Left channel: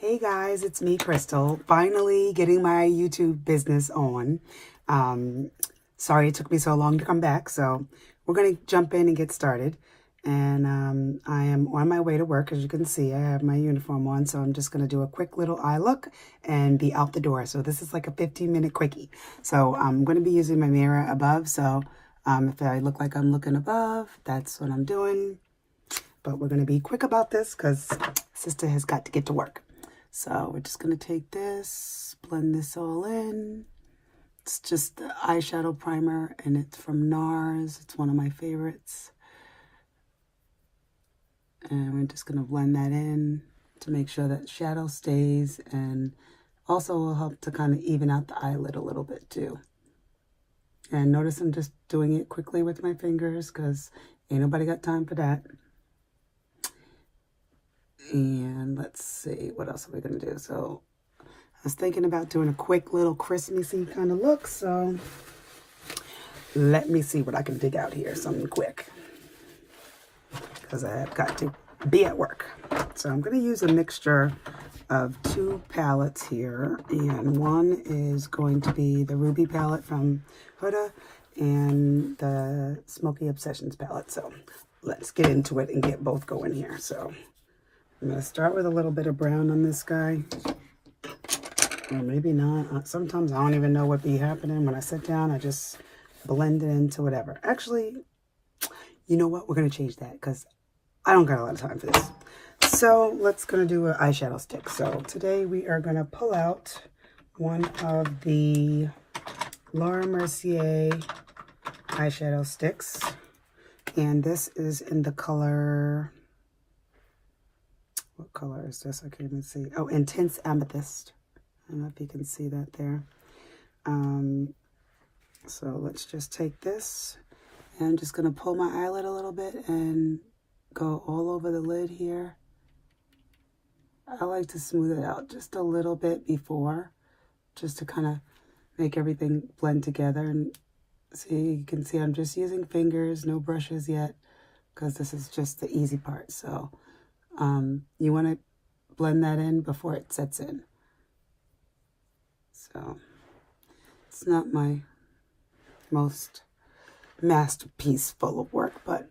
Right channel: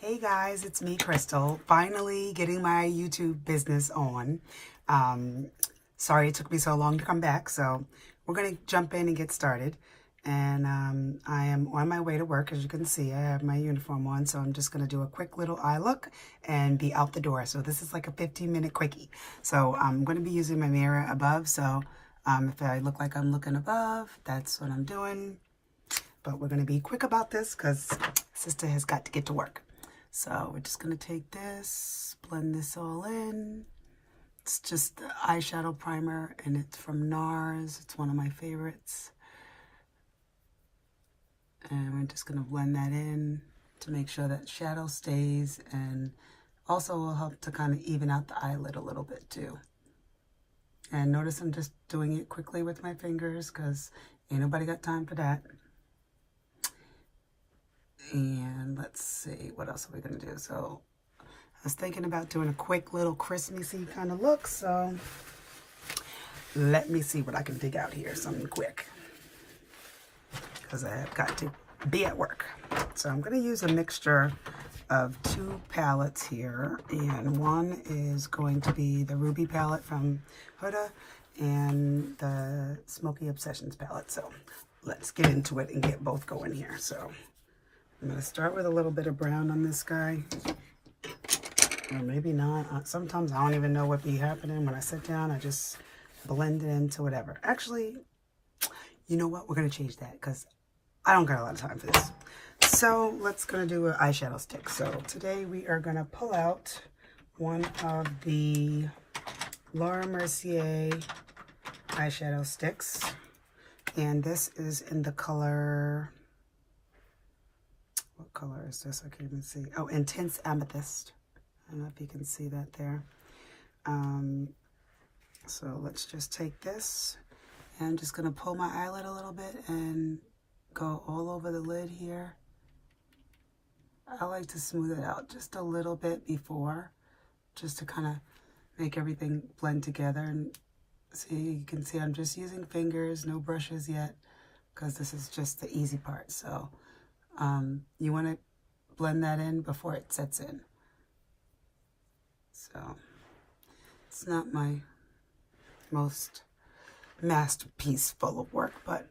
Hey guys, it's me, Crystal. Finally getting my YouTube business on. Sorry it took me so long to come back, so we're going to jump in and get started. And I am on my way to work. As you can see, I have my uniform on, so I'm just going to do a quick little eye look and be out the door. So this is like a 15-minute quickie. So I'm going to be using my mirror above, so if I look like I'm looking above, that's what I'm doing. But we're going to be quick about this because sister has got to get to work. So we're just going to take this, blend this all in. It's just the eyeshadow primer, and it's from Nars. It's one of my favorites. And we're just going to blend that in to make sure that shadow stays, and also will help to kind of even out the eyelid a little bit too. And notice I'm just doing it quickly with my fingers because ain't nobody got time for that. And let's see, what else are we going to do? So I was thinking about doing a quick little Christmassy kind of look. So let me see what I can dig out here. Something quick. Because I have got to be at work. So I'm going to use a mixture of two palettes here. And one is going to be the Ruby palette from Huda and the Smoky Obsessions palette. So let's get into it and get both going here. So I'm going to start with a little bit of brown on this guy. Or maybe not. Sometimes I don't even know what be happening. When I sit down, I just blend it into whatever. Actually, you know what? We're going to change that because I don't got a lot of time for this. So let's going to do an eyeshadow stick. So today we are going to pull out one of the Laura Mercier eyeshadow sticks. And this is in the color... What color is this? I can't even see. Oh, Intense Amethyst. I don't know if you can see that there. So let's just take this. And I'm just going to pull my eyelid a little bit and go all over the lid here. I like to smooth it out just a little bit before, just to kind of make everything blend together. And see, you can see I'm just using fingers, no brushes yet, because this is just the easy part. So you want to blend that in before it sets in. So it's not my most masterpiece full of work, but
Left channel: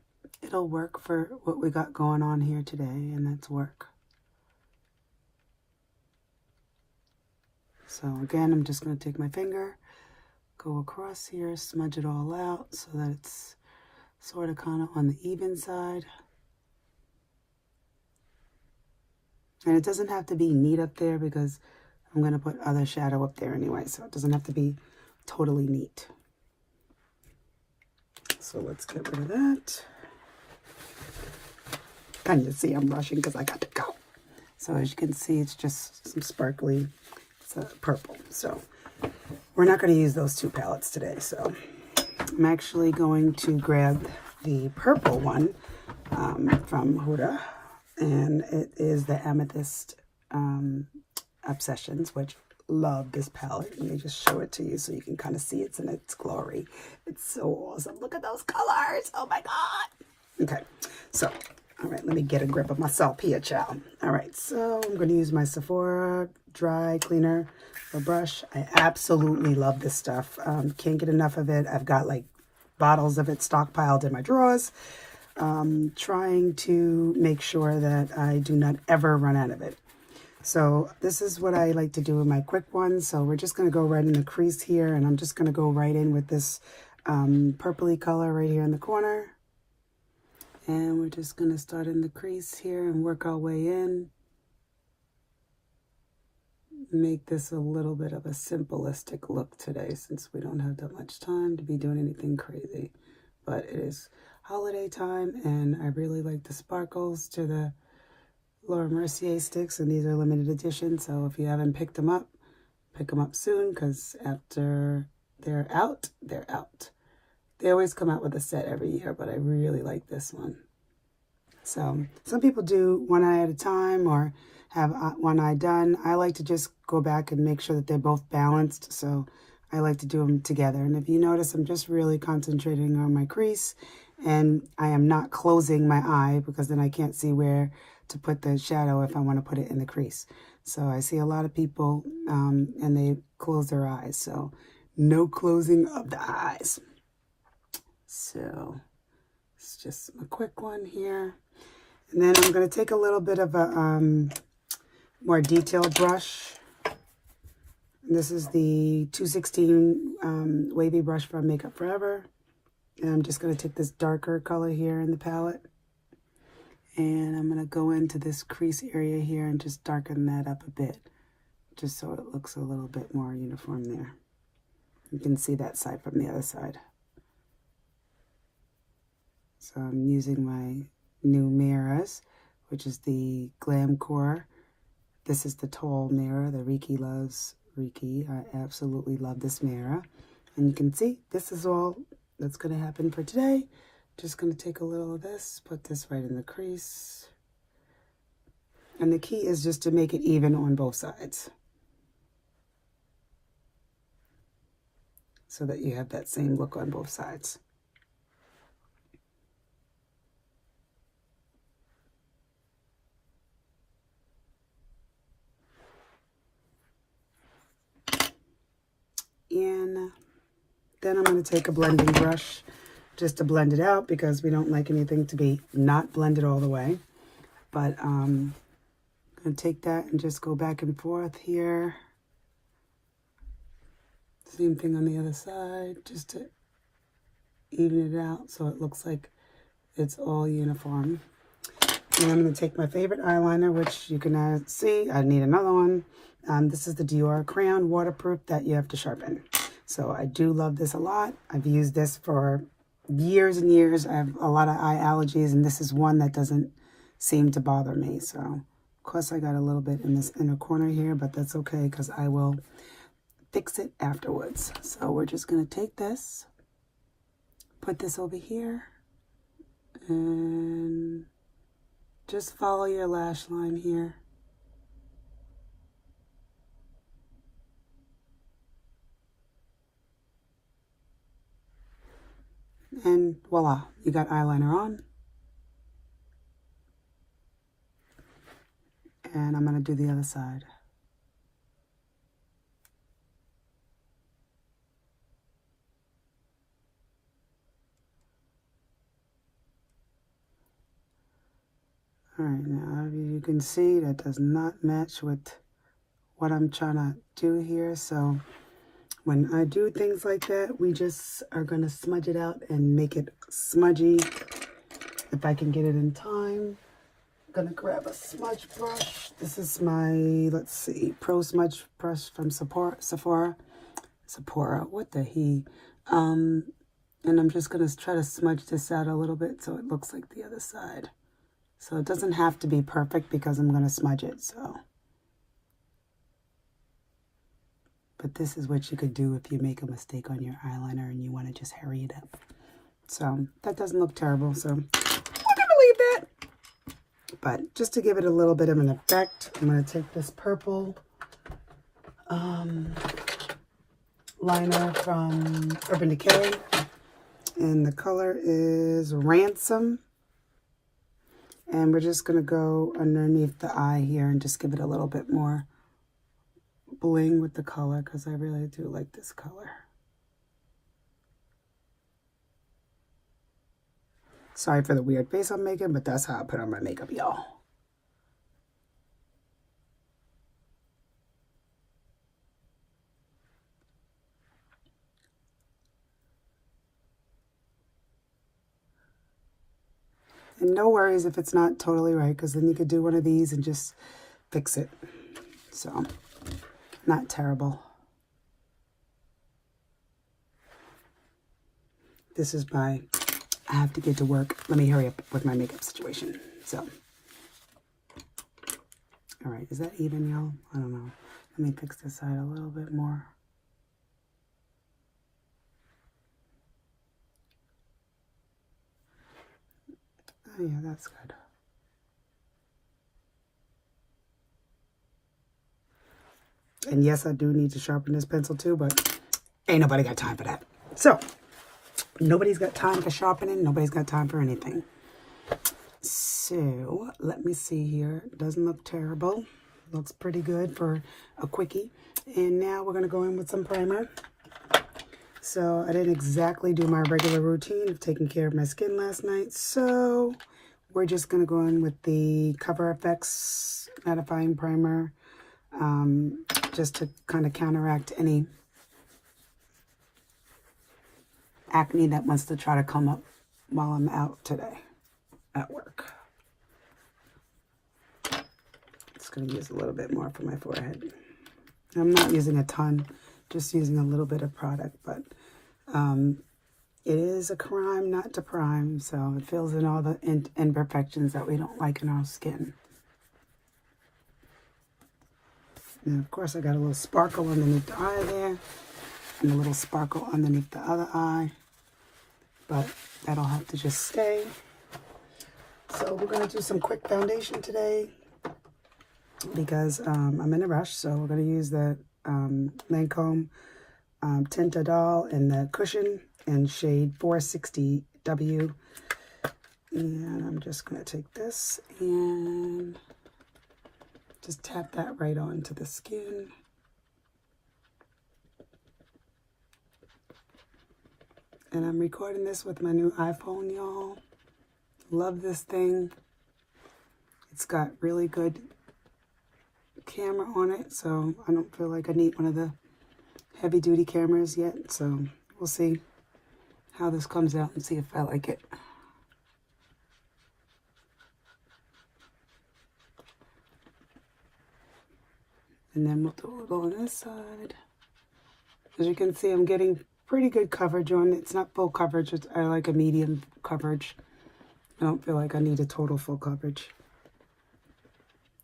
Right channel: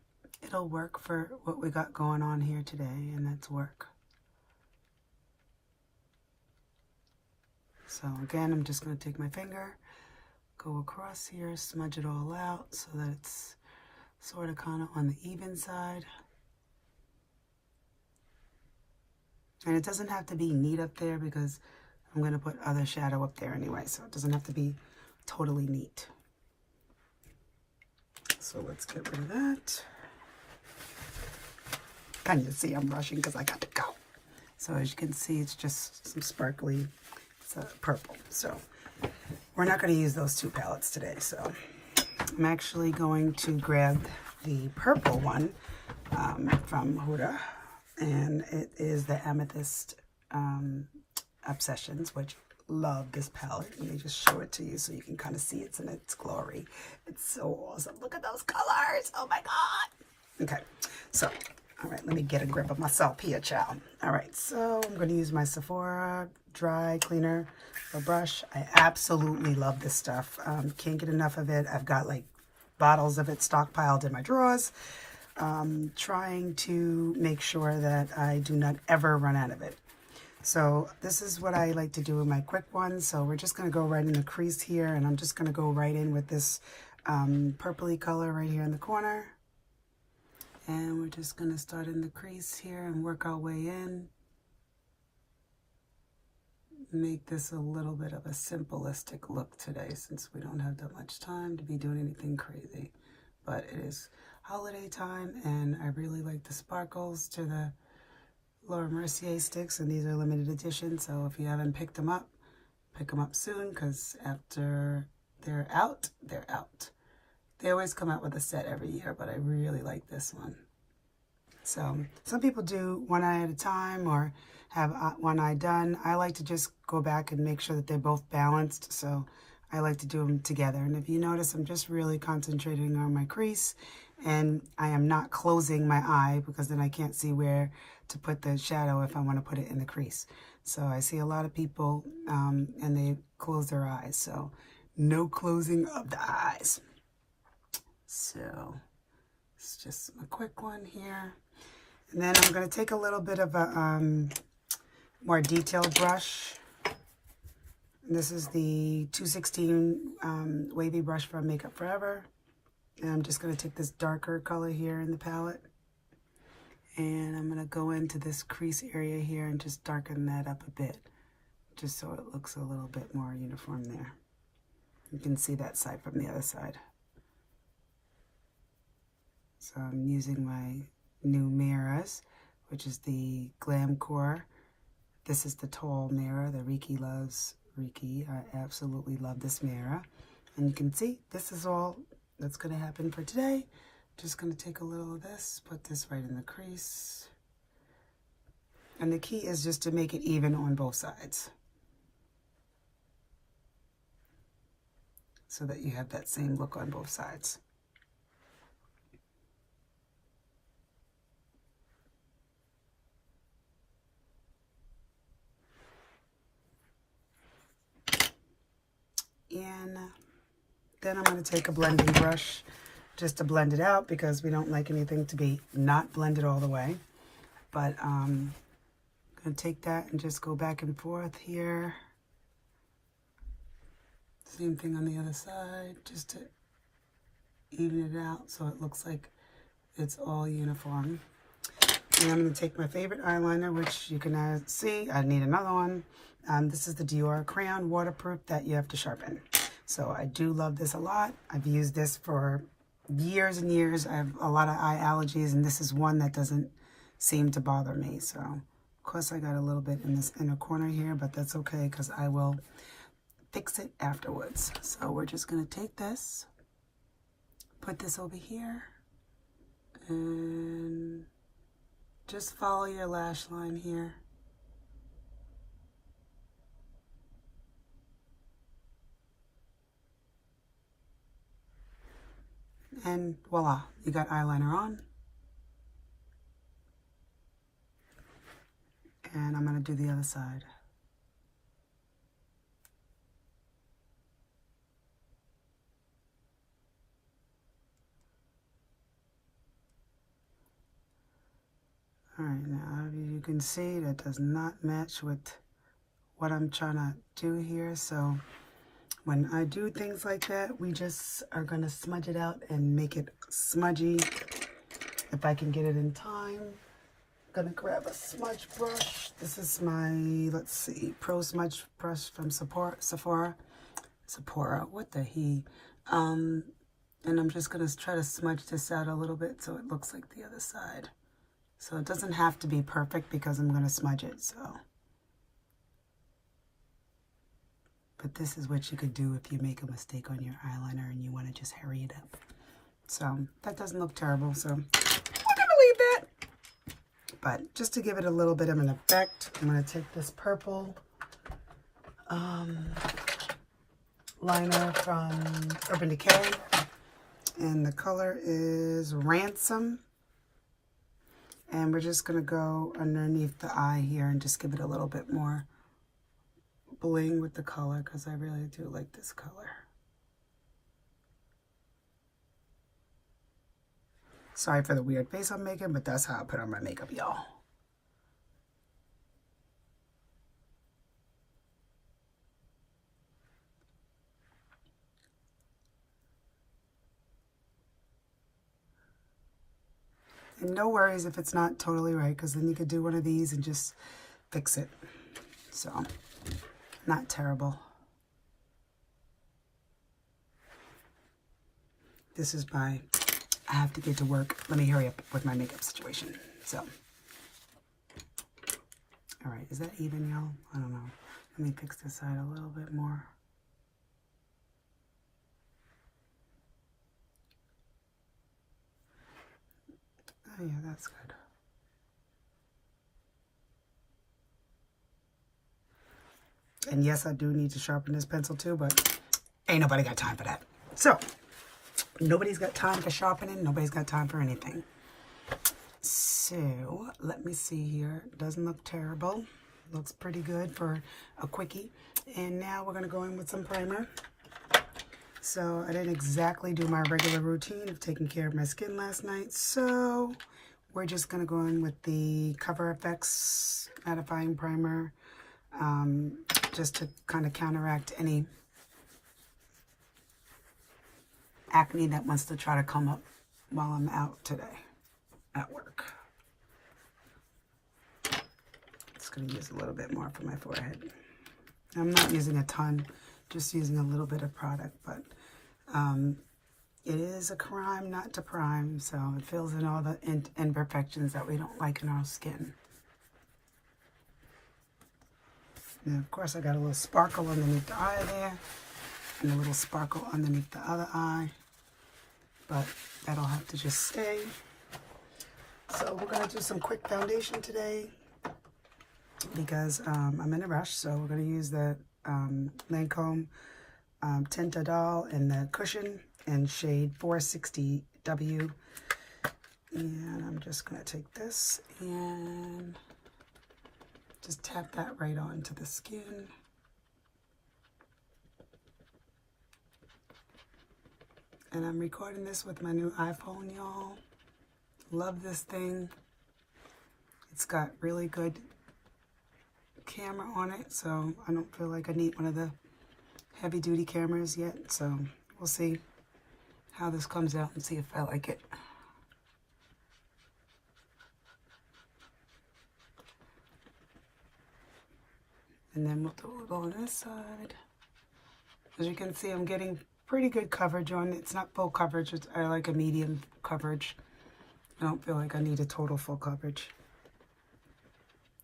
it'll work for what we got going on here today, and that's work. So again, I'm just going to take my finger, go across here, smudge it all out so that it's sort of kind of on the even side. And it doesn't have to be neat up there because I'm going to put other shadow up there anyway. So it doesn't have to be totally neat. So let's get rid of that. And you see I'm rushing because I got to go. So as you can see, it's just some sparkly purple. So we're not going to use those two palettes today. So I'm actually going to grab the purple one from Huda. And it is the Amethyst Obsessions, which love this palette. Let me just show it to you so you can kind of see it's in its glory. It's so awesome. Look at those colors. Oh my God. Okay. So, all right, let me get a grip of myself here, child. All right. So I'm going to use my Sephora dry cleaner or brush. I absolutely love this stuff. Can't get enough of it. I've got like bottles of it stockpiled in my drawers. Trying to make sure that I do not ever run out of it. So this is what I like to do in my quick ones. So we're just going to go right in the crease here, and I'm just going to go right in with this purpley color right here in the corner. And we're just going to start in the crease here and work our way in. Make this a little bit of a simplistic look today since we don't have that much time to be doing anything crazy. But it is holiday time, and I really like the sparkles to the Laura Mercier sticks, and these are limited edition, so if you haven't picked them up, pick them up soon, because after they're out, they're out. They always come out with a set every year, but I really like this one. So some people do one eye at a time or have one eye done. I like to just go back and make sure that they're both balanced, so I like to do them together. And if you notice, I'm just really concentrating on my crease, and I am not closing my eye because then I can't see where to put the shadow if I want to put it in the crease. So I see a lot of people and they close their eyes. So no closing of the eyes. So it's just a quick one here. And then I'm going to take a little bit of a more detailed brush. This is the 216 wavy brush from Makeup Forever. And I'm just going to take this darker color here in the palette. And I'm going to go into this crease area here and just darken that up a bit. Just so it looks a little bit more uniform there. You can see that side from the other side. So I'm using my new mirrors, which is the Glam Core. This is the tall mirror. The Reiki loves Reiki. I absolutely love this mirror. And you can see this is all that's going to happen for today. Just going to take a little of this, put this right in the crease. And the key is just to make it even on both sides, so that you have that same look on both sides. And then I'm going to take a blending brush just to blend it out, because we don't like anything to be not blended all the way. But I'm going to take that and just go back and forth here. Same thing on the other side, just to even it out so it looks like it's all uniform. And I'm going to take my favorite eyeliner, which you can see, I need another one. This is the Dior Crayon Waterproof that you have to sharpen. So I do love this a lot. I've used this for years and years. I have a lot of eye allergies, and this is one that doesn't seem to bother me. So, of course, I got a little bit in this inner corner here, but that's okay because I will fix it afterwards. So we're just going to take this, put this over here, and just follow your lash line here. And voila, you got eyeliner on. And I'm going to do the other side. Alright, now you can see that does not match with what I'm trying to do here. So when I do things like that, we just are going to smudge it out and make it smudgy. If I can get it in time, I'm going to grab a smudge brush. This is my, let's see, Pro Smudge Brush from Sephora, what the he. And I'm just going to try to smudge this out a little bit so it looks like the other side. So it doesn't have to be perfect because I'm going to smudge it, so. But this is what you could do if you make a mistake on your eyeliner and you want to just hurry it up. So that doesn't look terrible, so we're going to leave that. But just to give it a little bit of an effect, I'm going to take this purple liner from Urban Decay. And the color is Ransom. And we're just going to go underneath the eye here and just give it a little bit more bling with the color, because I really do like this color. Sorry for the weird face I'm making, but that's how I put on my makeup, y'all. And no worries if it's not totally right, because then you could do one of these and just fix it. So, not terrible. This is my, I have to get to work. Let me hurry up with my makeup situation. So, all right, is that even, y'all? I don't know. Let me fix this side a little bit more. Oh yeah, that's good. And yes, I do need to sharpen this pencil too, but ain't nobody got time for that. So, nobody's got time for sharpening. Nobody's got time for anything. So let me see here. Doesn't look terrible. Looks pretty good for a quickie. And now we're going to go in with some primer. So I didn't exactly do my regular routine of taking care of my skin last night. So we're just going to go in with the Coverfx Mattifying Primer, just to kind of counteract any acne that wants to try to come up while I'm out today at work. Just going to use a little bit more for my forehead. I'm not using a ton, just using a little bit of product, but it is a crime not to prime, so it fills in all the imperfections that we don't like in our skin. And of course I got a little sparkle underneath the eye there, and a little sparkle underneath the other eye, but that'll have to just stay. So we're going to do some quick foundation today because I'm in a rush, so we're going to use the Lancome Tint Doll in the cushion in shade 460W. And I'm just going to take this and just tap that right onto the skin. And I'm recording this with my new iPhone, y'all. Love this thing. It's got really good camera on it, so I don't feel like I need one of the heavy duty cameras yet. So we'll see how this comes out and see if I like it. And then we'll do it on this side. As you can see, I'm getting pretty good coverage on it. It's not full coverage, I like a medium coverage. I don't feel like I need a total full coverage,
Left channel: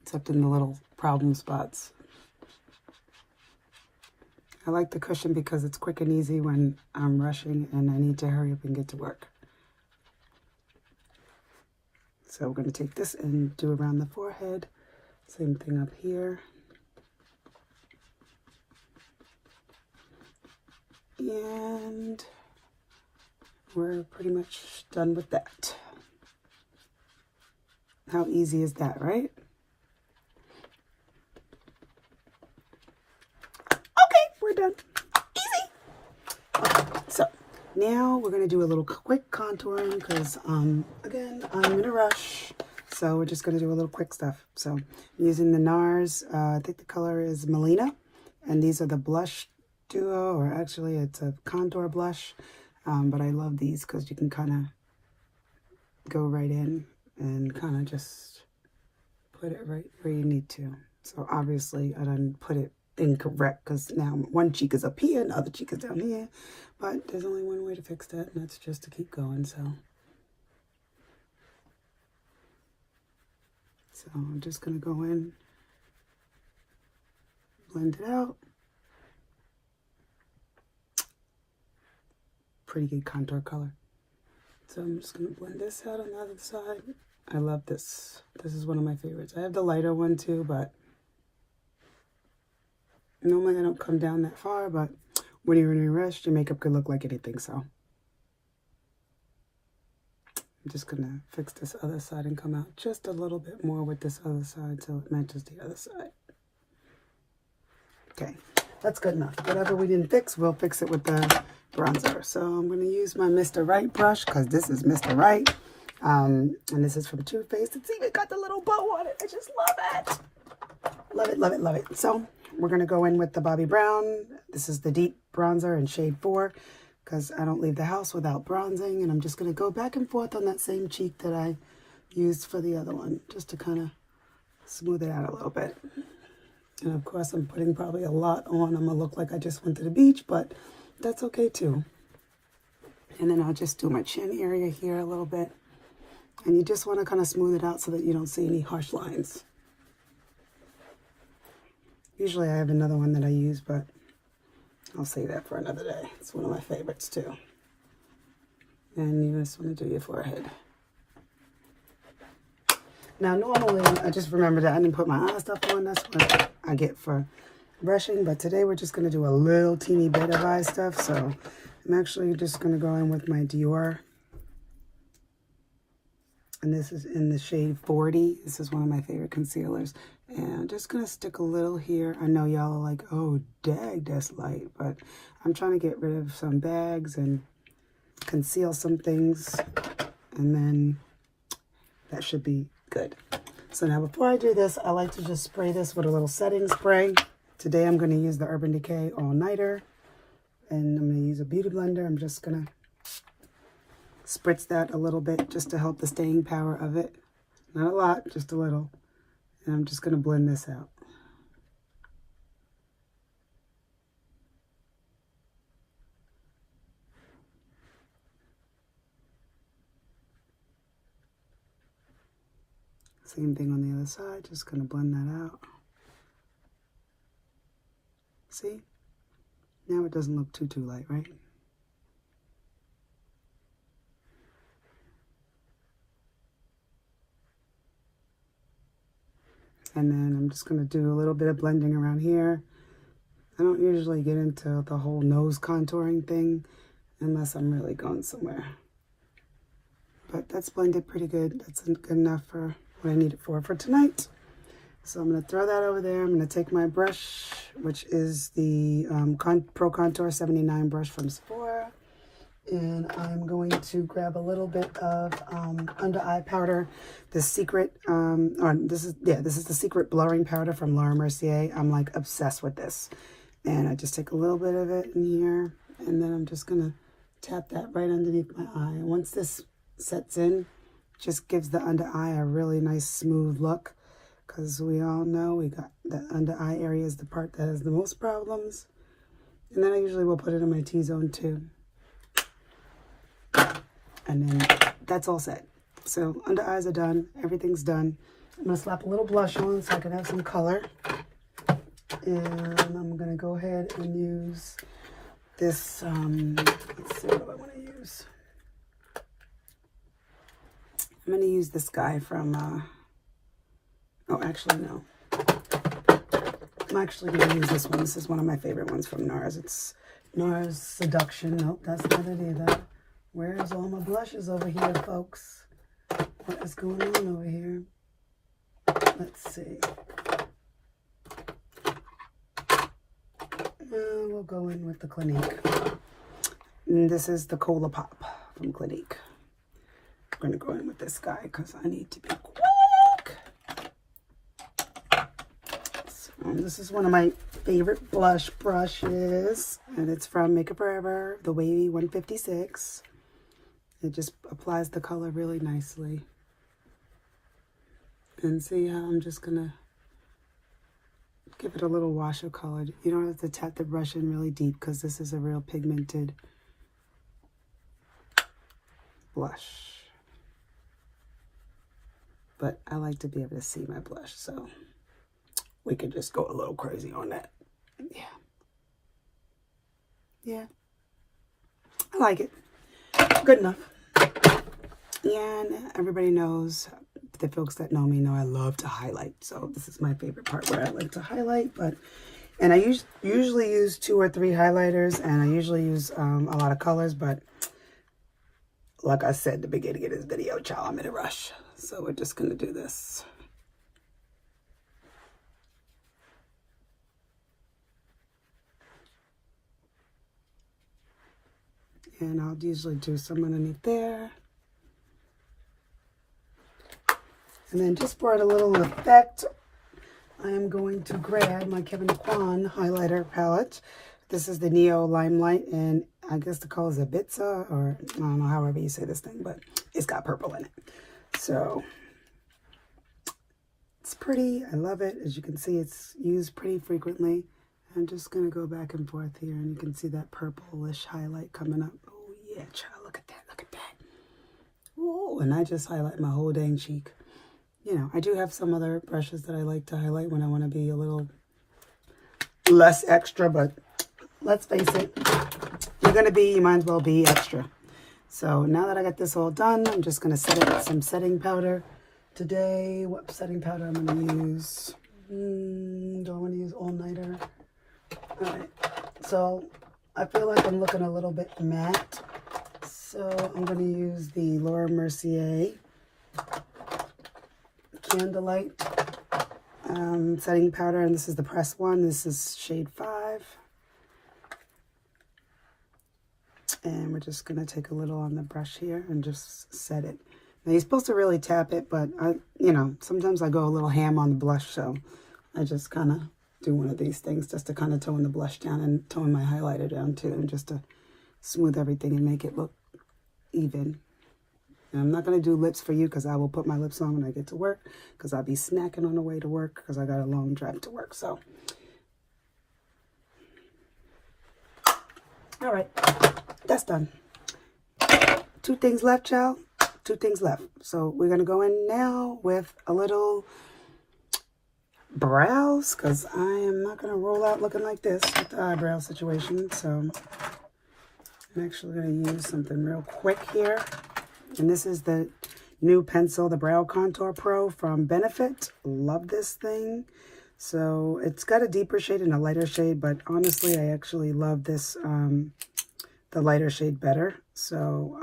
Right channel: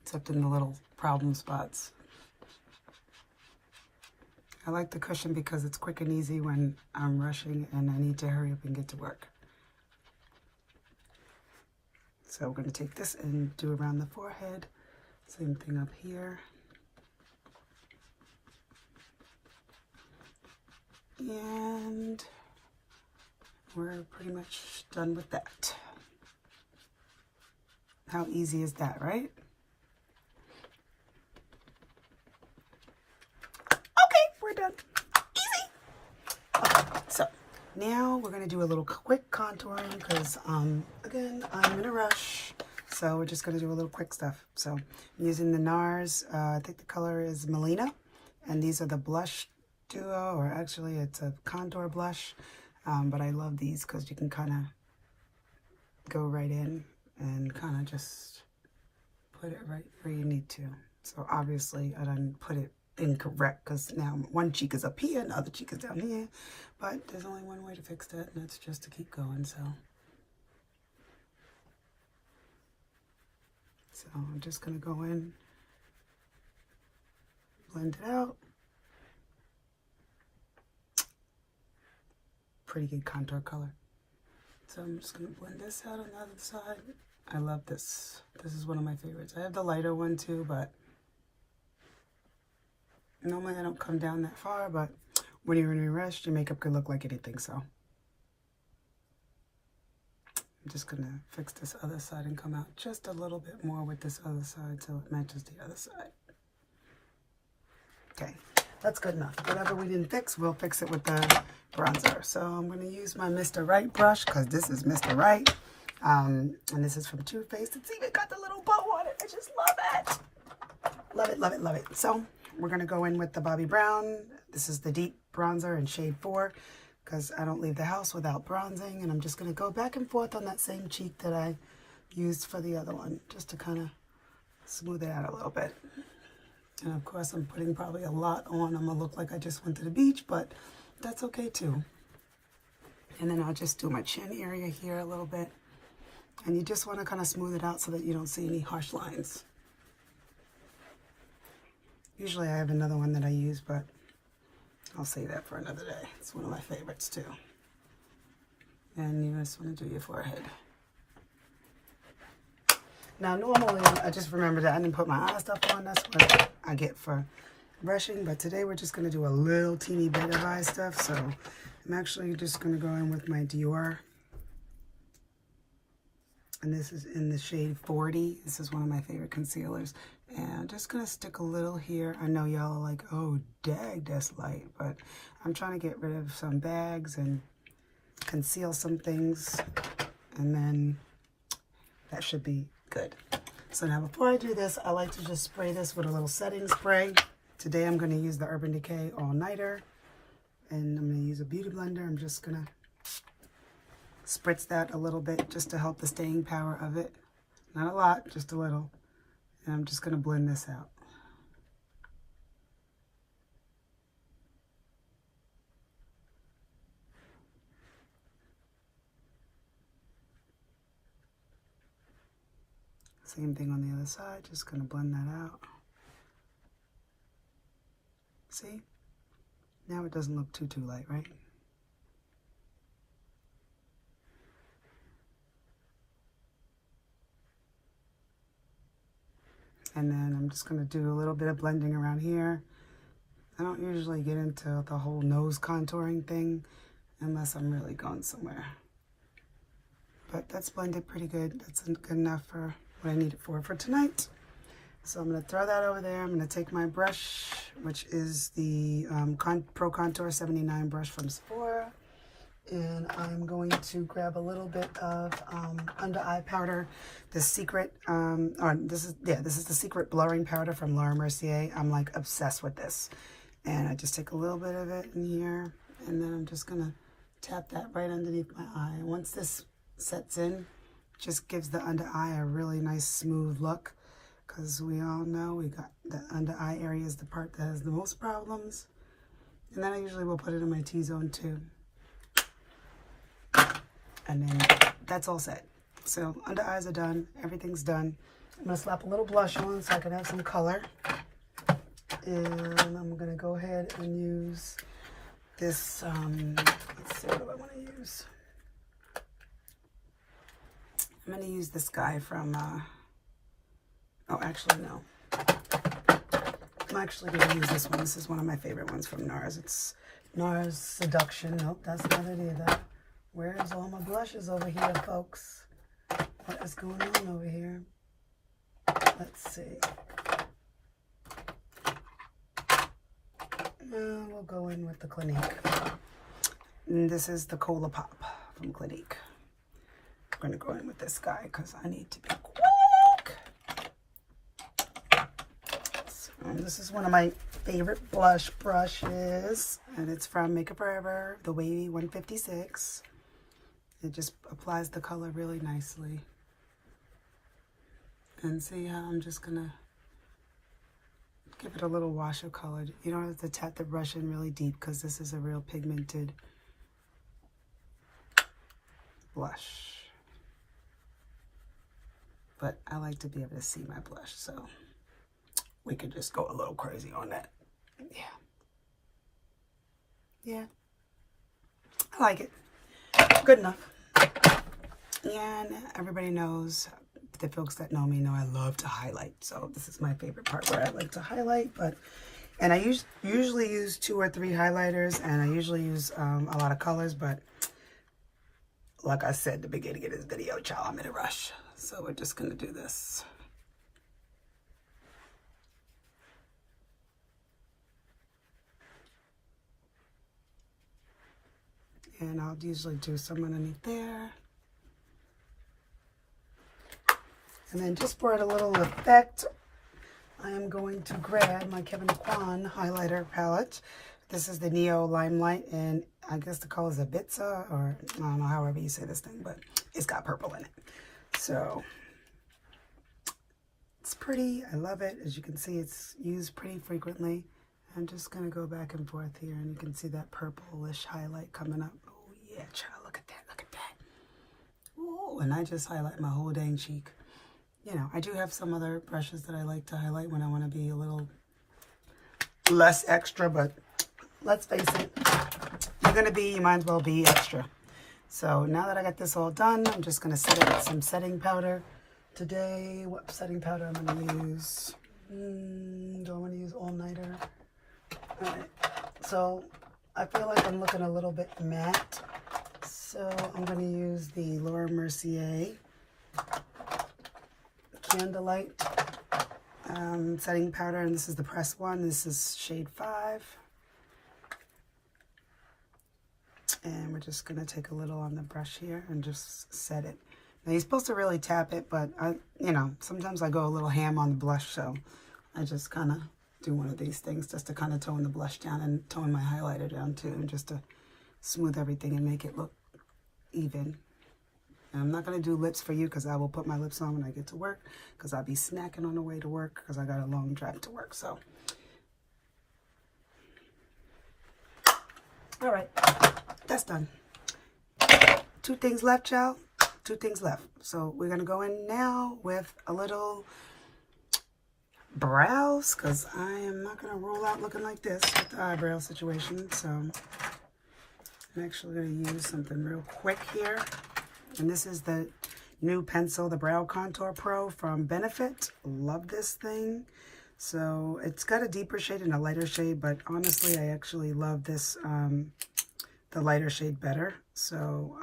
except in the little problem spots. I like the cushion because it's quick and easy when I'm rushing and I need to hurry up and get to work. So we're going to take this and do around the forehead. Same thing up here. And we're pretty much done with that. How easy is that, right? Done. Easy. Okay, so now we're going to do a little quick contouring because again, I'm in a rush, so we're just going to do a little quick stuff. So I'm using the Nars, I think the color is Melina, and these are the blush duo, or actually it's a contour blush, but I love these because you can kind of go right in and kind of just put it right where you need to. So obviously I didn't put it incorrect because now one cheek is up here and the other cheek is down here, but there's only one way to fix that, and that's just to keep going. So I'm just going to go in, blend it out. Pretty good contour color. So I'm just going to blend this out on the other side. I love this. This is one of my favorites. I have the lighter one too, but normally I don't come down that far, but when you're in a rush, your makeup can look like anything, so. I'm just gonna fix this other side and come out just a little bit more with this other side so it matches the other side. Okay, that's good enough. Whatever we didn't fix, we'll fix it with the bronzer. So I'm gonna use my Mr. Right brush because this is Mr. Right. And this is from Too Faced. It's even got the little bow on it. I just love it. Love it, love it, love it. So we're going to go in with the Bobbi Brown. This is the deep bronzer in shade 4 because I don't leave the house without bronzing. And I'm just going to go back and forth on that same cheek that I used for the other one, just to kind of smooth it out a little bit. And of course, I'm putting probably a lot on. I'm going to look like I just went to the beach, but that's okay too. And then I'll just do my chin area here a little bit. And you just want to kind of smooth it out so that you don't see any harsh lines. Usually I have another one that I use, but I'll save that for another day. It's one of my favorites too. And you just want to do your forehead. Now normally, I just remembered that I didn't put my eye stuff on. That's what I get for brushing. But today we're just going to do a little teeny bit of eye stuff. So I'm actually just going to go in with my Dior And this is in the shade 40. This is one of my favorite concealers. And I'm just going to stick a little here. I know y'all are like, oh, dag, that's light. But I'm trying to get rid of some bags and conceal some things. And then that should be good. So now before I do this, I like to just spray this with a little setting spray. Today I'm going to use the Urban Decay All Nighter. And I'm going to use a beauty blender. I'm just going to spritz that a little bit just to help the staying power of it. Not a lot, just a little. And I'm just going to blend this out. Same thing on the other side, just going to blend that out. See? Now it doesn't look too light, right? And then I'm just going to do a little bit of blending around here. I don't usually get into the whole nose contouring thing unless I'm really going somewhere. But that's blended pretty good. That's good enough for what I need it for tonight. So I'm going to throw that over there. I'm going to take my brush, which is the Pro Contour 79 brush from Sephora. And I'm going to grab a little bit of under eye powder. The secret, this is the secret blurring powder from Laura Mercier. I'm like obsessed with this. And I just take a little bit of it in here. And then I'm just going to tap that right underneath my eye. Once this sets in, just gives the under eye a really nice smooth look. Because we all know we got the under eye area is the part that has the most problems. And then I usually will put it in my T-zone too. And then that's all set. So under eyes are done. Everything's done. I'm going to slap a little blush on so I can have some color. And I'm going to go ahead and use this, let's see what I want to use. I'm going to use this guy from, oh, actually, no. I'm actually going to use this one. This is one of my favorite ones from Nars. It's Nars Seduction. Nope, that's not it either. Where's all my blushes over here, folks? What is going on over here? Let's see. We'll go in with the Clinique. And this is the Cola Pop from Clinique. I'm going to go in with this guy because I need to be quick. So, this is one of my favorite blush brushes. And it's from Makeup Forever, the Wavy 156. It just applies the color really nicely. And see how I'm just going to give it a little wash of color. You don't have to tap the brush in really deep because this is a real pigmented blush. But I like to be able to see my blush, so we could just go a little crazy on that. Yeah. I like it. Good enough. And everybody knows, the folks that know me know I love to highlight. So this is my favorite part where I like to highlight. And I usually use 2 or 3 highlighters, and I usually use a lot of colors. But like I said at the beginning of this video, child, I'm in a rush. So we're just going to do this. And I'll usually do some underneath there. And then just for a little effect, I am going to grab my Kevyn Aucoin highlighter palette. This is the Neo-Limelight, and I guess the color is Ibiza, or I don't know, however you say this thing, but it's got purple in it. So it's pretty. I love it. As you can see, it's used pretty frequently. I'm just going to go back and forth here, and you can see that purplish highlight coming up. Oh, yeah, child, look at that. Look at that. Oh, and I just highlight my whole dang cheek. You know, I do have some other brushes that I like to highlight when I want to be a little less extra, but let's face it, you're going to be, you might as well be extra. So now that I got this all done, I'm just going to set it with some setting powder. Today, what setting powder I'm going to use? Don't want to use All Nighter. All right, so I feel like I'm looking a little bit matte. So I'm going to use the Laura Mercier Candlelight setting powder, and this is the pressed one. This is shade 5. And we're just going to take a little on the brush here and just set it. Now, you're supposed to really tap it, but sometimes I go a little ham on the blush, so I just kind of do one of these things just to kind of tone the blush down and tone my highlighter down too, and just to smooth everything and make it look even. And I'm not going to do lips for you because I will put my lips on when I get to work, because I'll be snacking on the way to work because I got a long drive to work. So, all right, that's done. 2 things left, child. 2 things left. So we're going to go in now with a little brows, because I am not going to roll out looking like this with the eyebrow situation. So I'm actually going to use something real quick here. And this is the new pencil, the Brow Contour Pro from Benefit. Love this thing. So it's got a deeper shade and a lighter shade, but honestly, I actually love this, the lighter shade better. So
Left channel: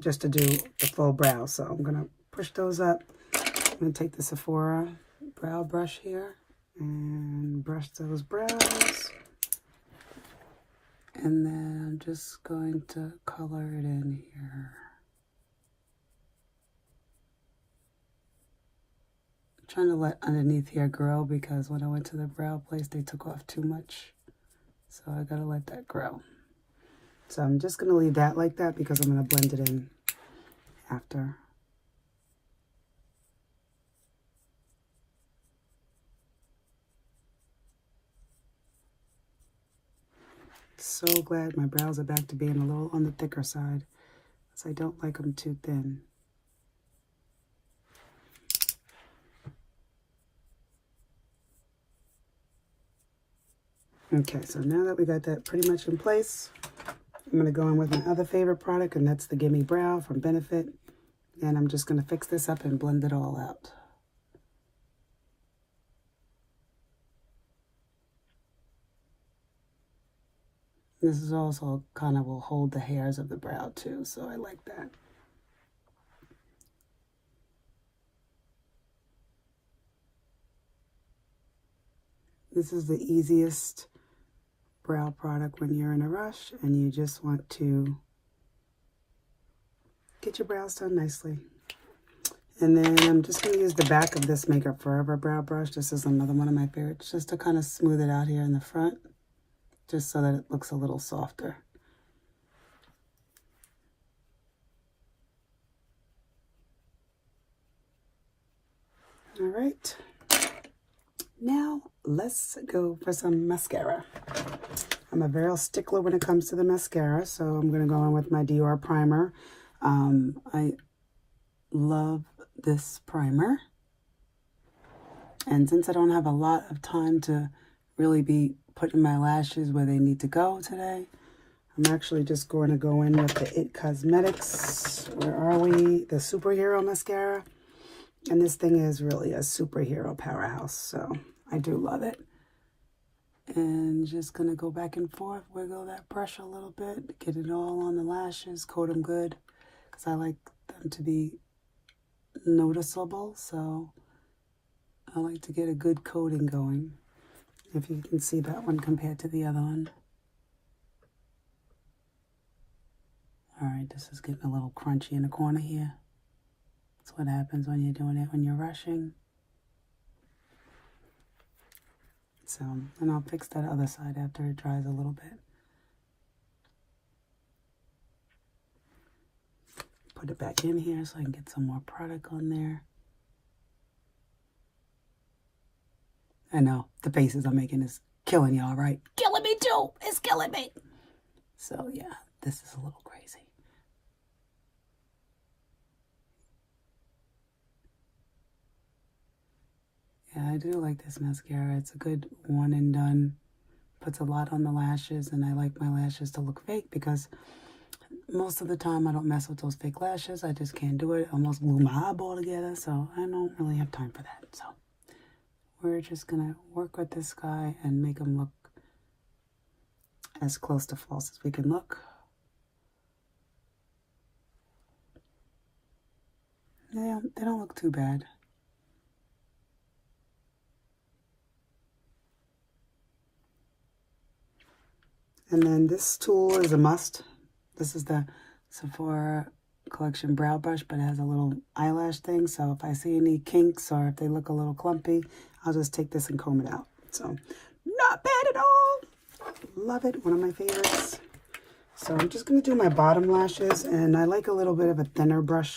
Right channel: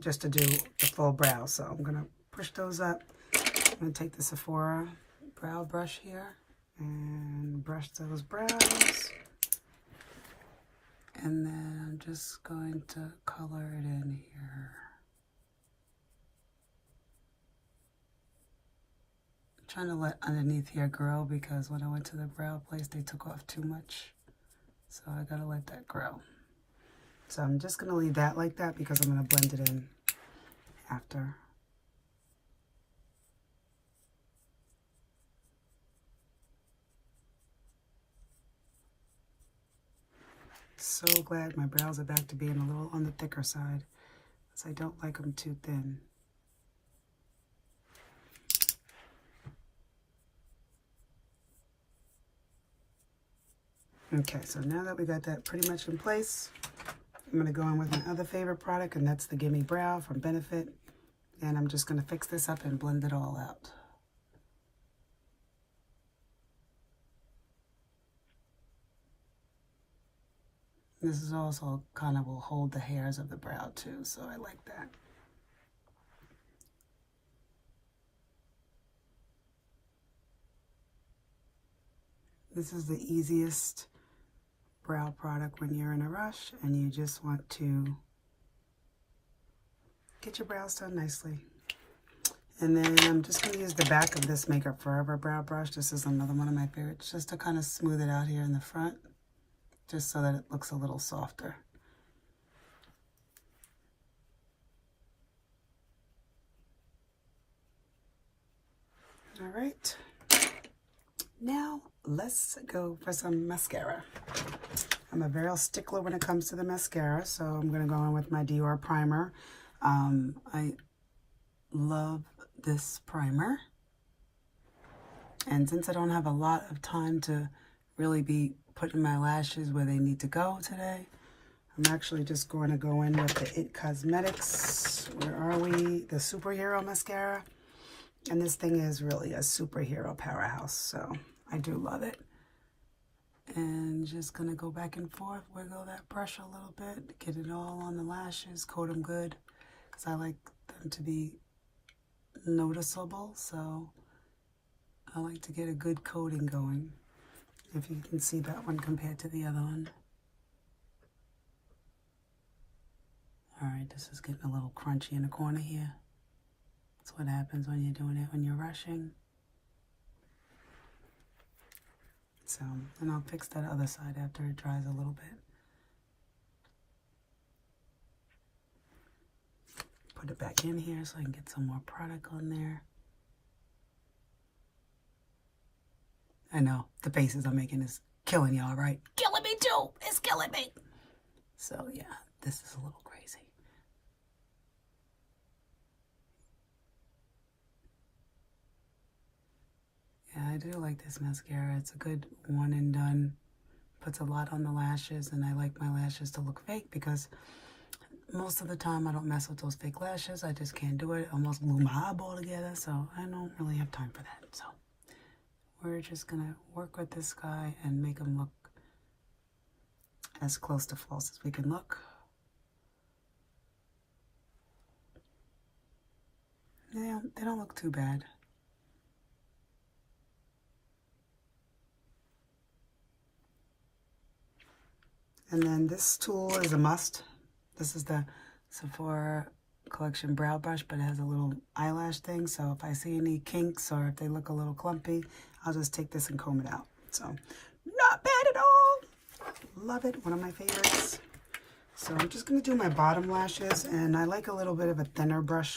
just to do the full brow. So I'm going to push those up. I'm going to take the Sephora brow brush here and brush those brows. And then I'm just going to color it in here. Trying to let underneath here grow, because when I went to the brow place, they took off too much. So I gotta let that grow. So I'm just gonna leave that like that because I'm gonna blend it in after. So glad my brows are back to being a little on the thicker side, because I don't like them too thin. Okay, so now that we got that pretty much in place, I'm going to go in with my other favorite product, and that's the Gimme Brow from Benefit. And I'm just going to fix this up and blend it all out. This is also kind of will hold the hairs of the brow too, so I like that. This is the easiest brow product when you're in a rush and you just want to get your brows done nicely. And then I'm just going to use the back of this Makeup Forever brow brush. This is another one of my favorites, just to kind of smooth it out here in the front, just so that it looks a little softer. All right. Now, let's go for some mascara. I'm a real stickler when it comes to the mascara, so I'm going to go in with my Dior Primer. I love this primer. And since I don't have a lot of time to really be putting my lashes where they need to go today, I'm actually just going to go in with the It Cosmetics. Where are we? The Superhero Mascara. And this thing is really a superhero powerhouse, so I do love it. And just going to go back and forth, wiggle that brush a little bit, get it all on the lashes, coat them good, because I like them to be noticeable, so I like to get a good coating going, if you can see that one compared to the other one. All right, this is getting a little crunchy in the corner here. That's what happens when you're doing it when you're rushing. So, and I'll fix that other side after it dries a little bit. Put it back in here so I can get some more product on there. I know, the faces I'm making is killing y'all, right? Killing me too! It's killing me! So yeah, this is a little crazy. Yeah, I do like this mascara. It's a good one and done. Puts a lot on the lashes, and I like my lashes to look fake because most of the time I don't mess with those fake lashes. I just can't do it. I almost glue my eyeball together, so I don't really have time for that. So we're just going to work with this guy and make him look as close to false as we can look. They don't look too bad. And then this tool is a must. This is the Sephora Collection brow brush, but it has a little eyelash thing. So if I see any kinks or if they look a little clumpy, I'll just take this and comb it out. So not bad at all. Love it. One of my favorites. So I'm just going to do my bottom lashes, and I like a little bit of a thinner brush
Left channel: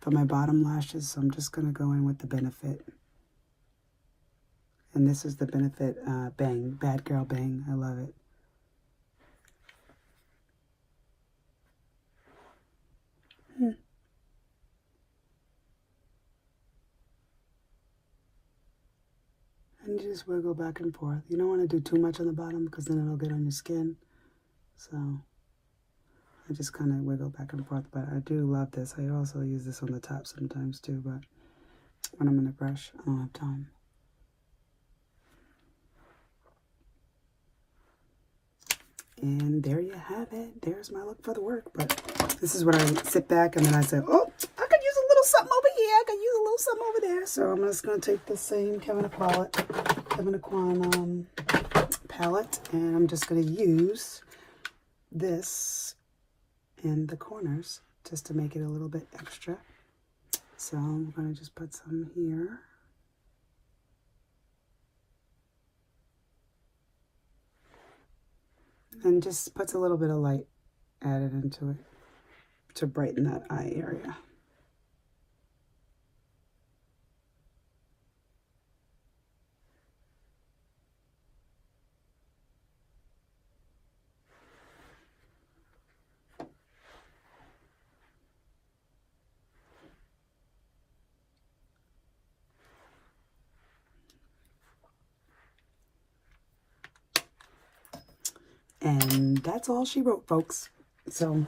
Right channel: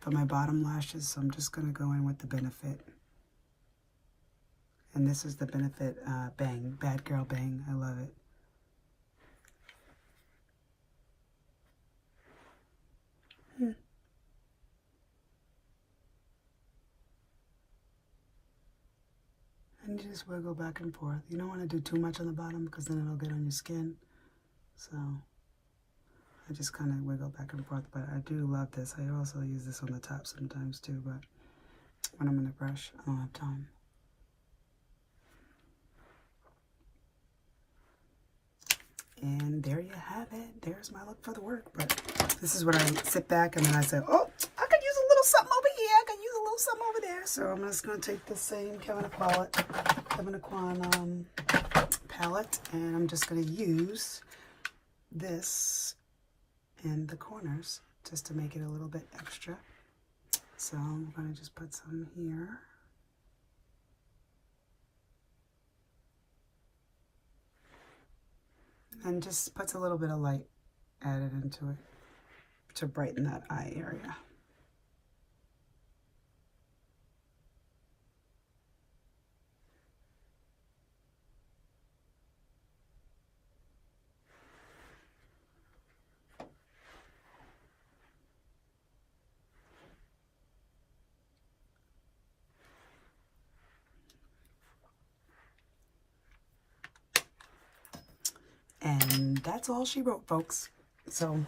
for my bottom lashes. So I'm just going to go in with the Benefit. And this is the Benefit Bang, Bad Girl Bang. I love it. And just wiggle back and forth. You don't want to do too much on the bottom because then it'll get on your skin. So I just kind of wiggle back and forth, but I do love this. I also use this on the top sometimes too, but when I'm in the brush, I don't have time. And there you have it. There's my look for the work. But this is when I sit back and then I say, oh, I could use a little something over here. I could use a little something over there. So I'm just going to take the same Kevyn Aucoin palette, and I'm just going to use this in the corners just to make it a little bit extra. So I'm going to just put some here. And just puts a little bit of light added into it to brighten that eye area. And that's all she wrote, folks. So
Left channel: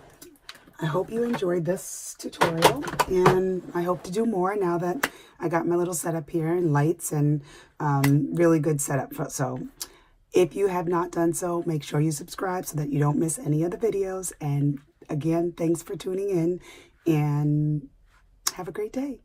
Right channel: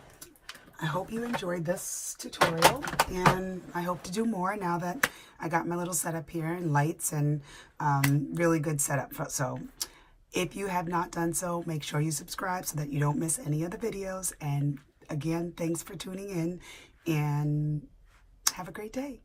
I hope you enjoyed this tutorial, and I hope to do more now that I got my little setup here and lights and really good setup. So if you have not done so, make sure you subscribe so that you don't miss any of the videos. And again, thanks for tuning in, and have a great day.